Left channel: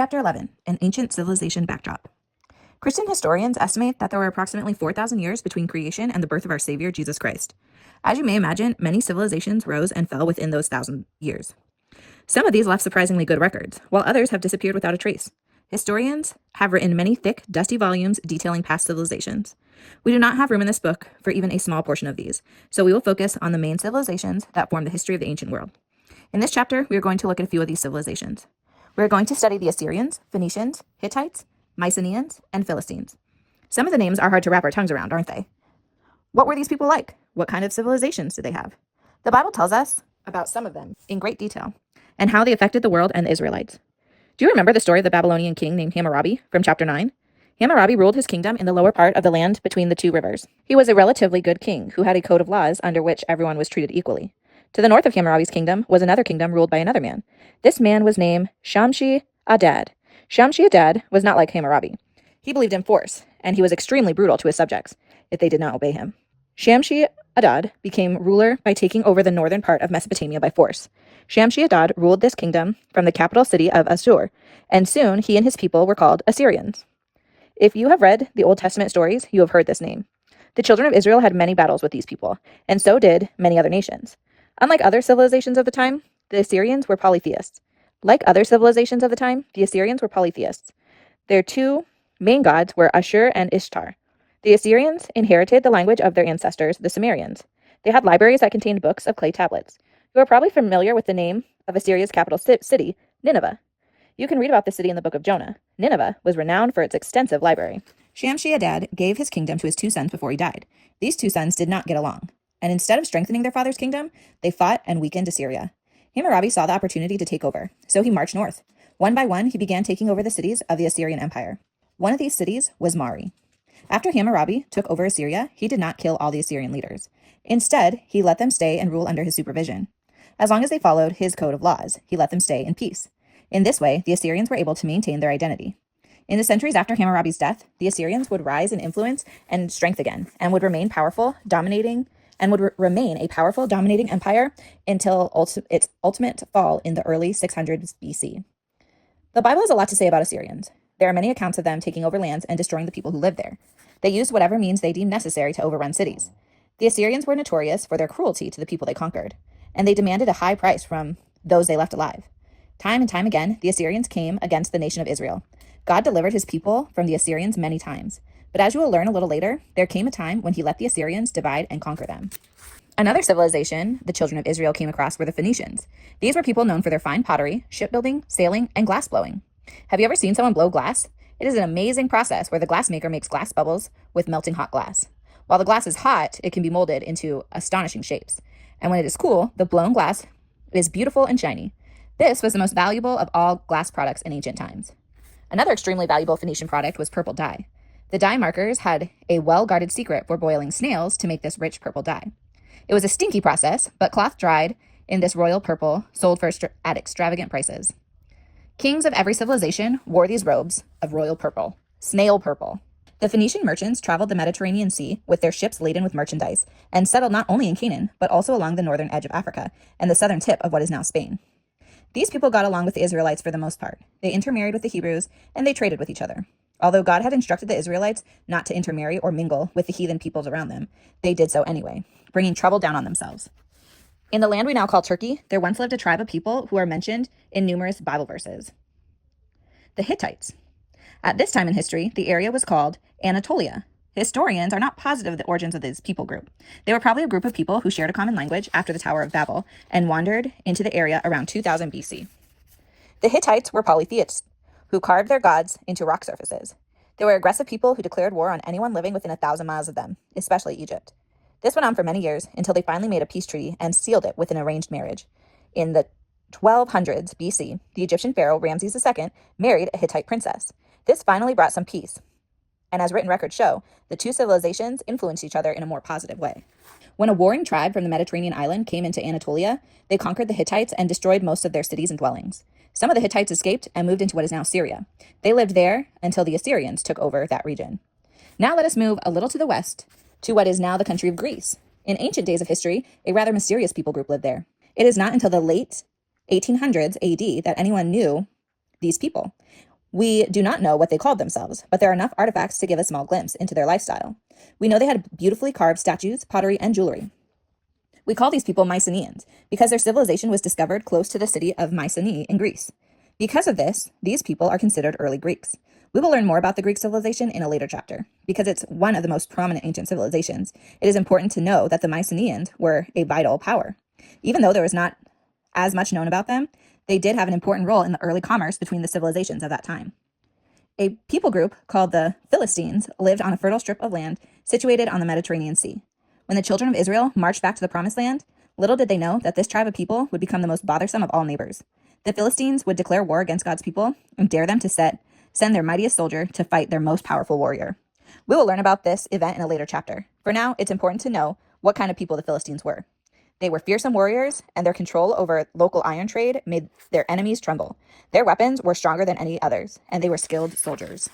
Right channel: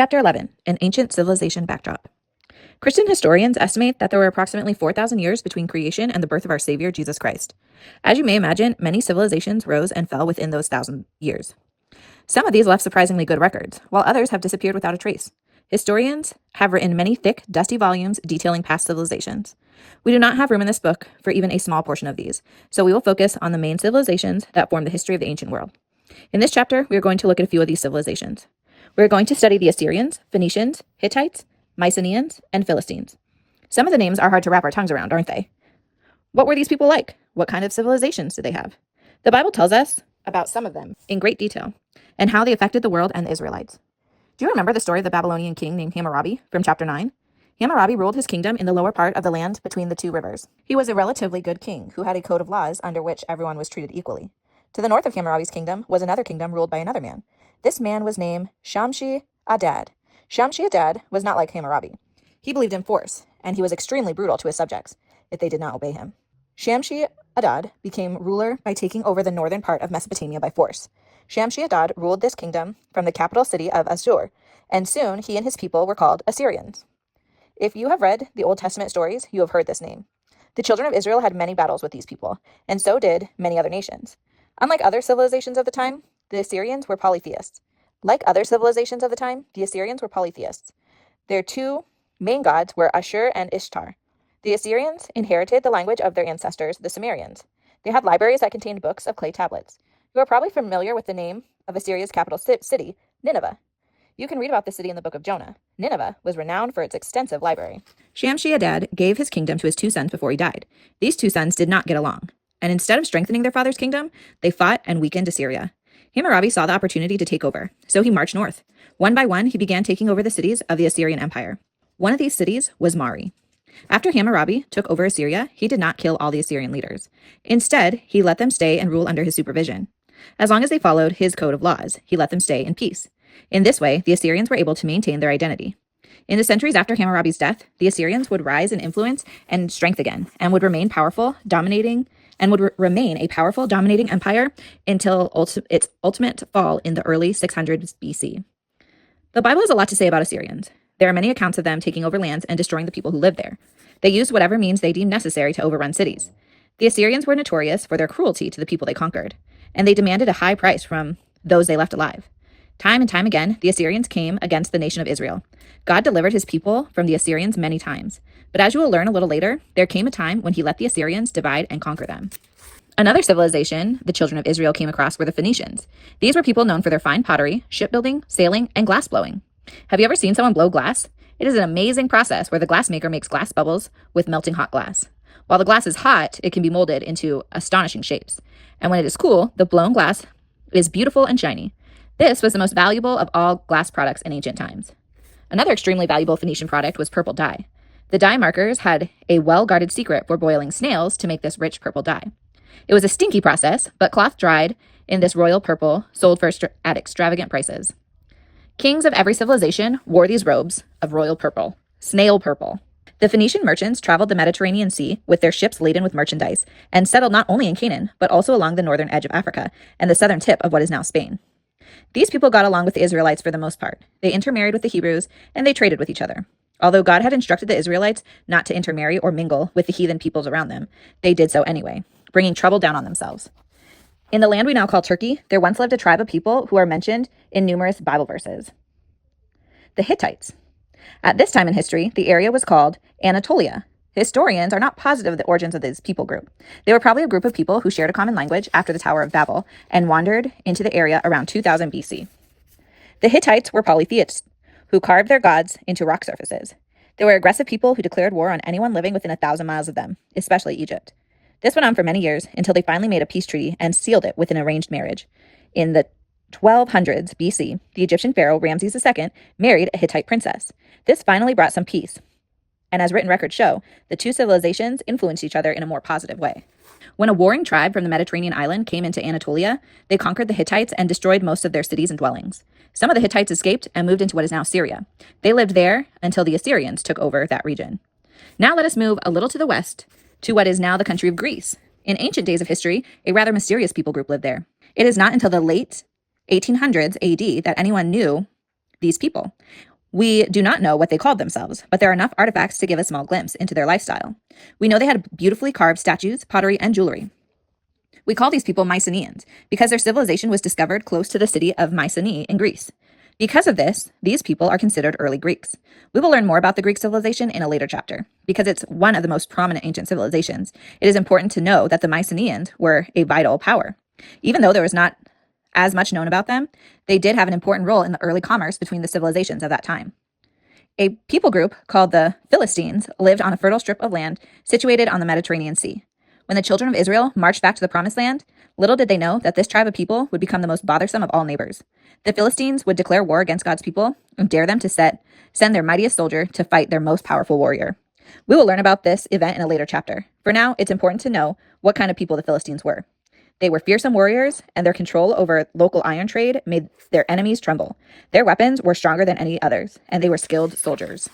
Chapter 11, An Ancient Civilization Backdrop. Christian historians estimate that there were approximately 4,000 years between creation and the birth of our Savior, Jesus Christ. As you may imagine, many civilizations rose and fell within those 1,000 years. Some of these left surprisingly good records, while others have disappeared without a trace. Historians have written many thick, dusty volumes detailing past civilizations. We do not have room in this book for even a small portion of these, so we will focus on the main civilizations that form the history of the ancient world. In this chapter, we are going to look at a few of these civilizations. We are going to study the Assyrians, Phoenicians, Hittites, Mycenaeans, and Philistines. Some of the names are hard to wrap our tongues around, aren't they? What were these people like? What kind of civilizations did they have? The Bible tells us about some of them in great detail and how they affected the world and the Israelites. Do you remember the story of the Babylonian king named Hammurabi from chapter 9? Hammurabi ruled his kingdom in the lower part of the land between the two rivers. He was a relatively good king who had a code of laws under which everyone was treated equally. To the north of Hammurabi's kingdom was another kingdom ruled by another man. This man was named Shamshi-Adad. Shamshi-Adad was not like Hammurabi. He believed in force, and he was extremely brutal to his subjects if they did not obey him. Shamshi-Adad became ruler by taking over the northern part of Mesopotamia by force. Shamshi-Adad ruled this kingdom from the capital city of Assur, and soon he and his people were called Assyrians. If you have read the Old Testament stories, you have heard this name. The children of Israel had many battles with these people, and so did many other nations. Unlike other civilizations of the time, the Assyrians were polytheists. Like other civilizations of the time, the Assyrians were polytheists. Their two main gods were Ashur and Ishtar. The Assyrians inherited the language of their ancestors, the Sumerians. They had libraries that contained books of clay tablets. You are probably familiar with the name of Assyria's capital city, Nineveh. You can read about the city in the book of Jonah. Nineveh was renowned for its extensive library. Shamshi-Adad gave his kingdom to his two sons before he died. These two sons did not get along, and instead of strengthening their father's kingdom, they fought and weakened Assyria. Hammurabi saw the opportunity to take over, so he marched north. One by one, he began taking over the cities of the Assyrian Empire. One of these cities was Mari. After Hammurabi took over Assyria, he did not kill all the Assyrian leaders. Instead, he let them stay and rule under his supervision. As long as they followed his code of laws, he let them stay in peace. In this way, the Assyrians were able to maintain their identity. In the centuries after Hammurabi's death, the Assyrians would rise in influence and strength again, and would remain powerful, dominating empire until its ultimate fall in the early 600s BC. The Bible has a lot to say about Assyrians. There are many accounts of them taking over lands and destroying the people who lived there. They used whatever means they deemed necessary to overrun cities. The Assyrians were notorious for their cruelty to the people they conquered, and they demanded a high price from those they left alive. Time and time again, the Assyrians came against the nation of Israel. God delivered his people from the Assyrians many times, but as you will learn a little later, there came a time when he let the Assyrians divide and conquer them. Another civilization the children of Israel came across were the Phoenicians. These were people known for their fine pottery, shipbuilding, sailing, and glass blowing. Have you ever seen someone blow glass? It is an amazing process where the glass maker makes glass bubbles with melting hot glass. While the glass is hot, it can be molded into astonishing shapes. And when it is cool, the blown glass is beautiful and shiny. This was the most valuable of all glass products in ancient times. Another extremely valuable Phoenician product was purple dye. The dye makers had a well-guarded secret for boiling snails to make this rich purple dye. It was a stinky process, but cloth dried in this royal purple sold at extravagant prices. Kings of every civilization wore these robes of royal purple, snail purple. The Phoenician merchants traveled the Mediterranean Sea with their ships laden with merchandise and settled not only in Canaan, but also along the northern edge of Africa and the southern tip of what is now Spain. These people got along with the Israelites for the most part. They intermarried with the Hebrews, and they traded with each other. Although God had instructed the Israelites not to intermarry or mingle with the heathen peoples around them, they did so anyway, bringing trouble down on themselves. In the land we now call Turkey, there once lived a tribe of people who are mentioned in numerous Bible verses. The Hittites. At this time in history, the area was called Anatolia. Historians are not positive of the origins of this people group. They were probably a group of people who shared a common language after the Tower of Babel and wandered into the area around 2000 BC. The Hittites were polytheists who carved their gods into rock surfaces. They were aggressive people who declared war on anyone living within 1,000 miles of them, especially Egypt. This went on for many years until they finally made a peace treaty and sealed it with an arranged marriage. In the 1200s BC, the Egyptian pharaoh Ramses II married a Hittite princess. This finally brought some peace. And as written records show, the two civilizations influenced each other in a more positive way. When a warring tribe from the Mediterranean island came into Anatolia, they conquered the Hittites and destroyed most of their cities and dwellings. Some of the Hittites escaped and moved into what is now Syria. They lived there until the Assyrians took over that region. Now let us move a little to the west to what is now the country of Greece. In ancient days of history, a rather mysterious people group lived there. It is not until the late 1800s AD that anyone knew these people. We do not know what they called themselves, but there are enough artifacts to give a small glimpse into their lifestyle. We know they had beautifully carved statues, pottery, and jewelry. We call these people Mycenaeans because their civilization was discovered close to the city of Mycenae in Greece. Because of this, these people are considered early Greeks. We will learn more about the Greek civilization in a later chapter. Because it's one of the most prominent ancient civilizations, it is important to know that the Mycenaeans were a vital power. Even though there was not as much known about them, they did have an important role in the early commerce between the civilizations of that time. A people group called the Philistines lived on a fertile strip of land situated on the Mediterranean Sea. When the children of Israel marched back to the Promised Land, little did they know that this tribe of people would become the most bothersome of all neighbors. The Philistines would declare war against God's people and dare them to send their mightiest soldier to fight their most powerful warrior. We will learn about this event in a later chapter. For now, it's important to know what kind of people the Philistines were. They were fearsome warriors, and their control over local iron trade made their enemies tremble. Their weapons were stronger than any others, and they were skilled soldiers.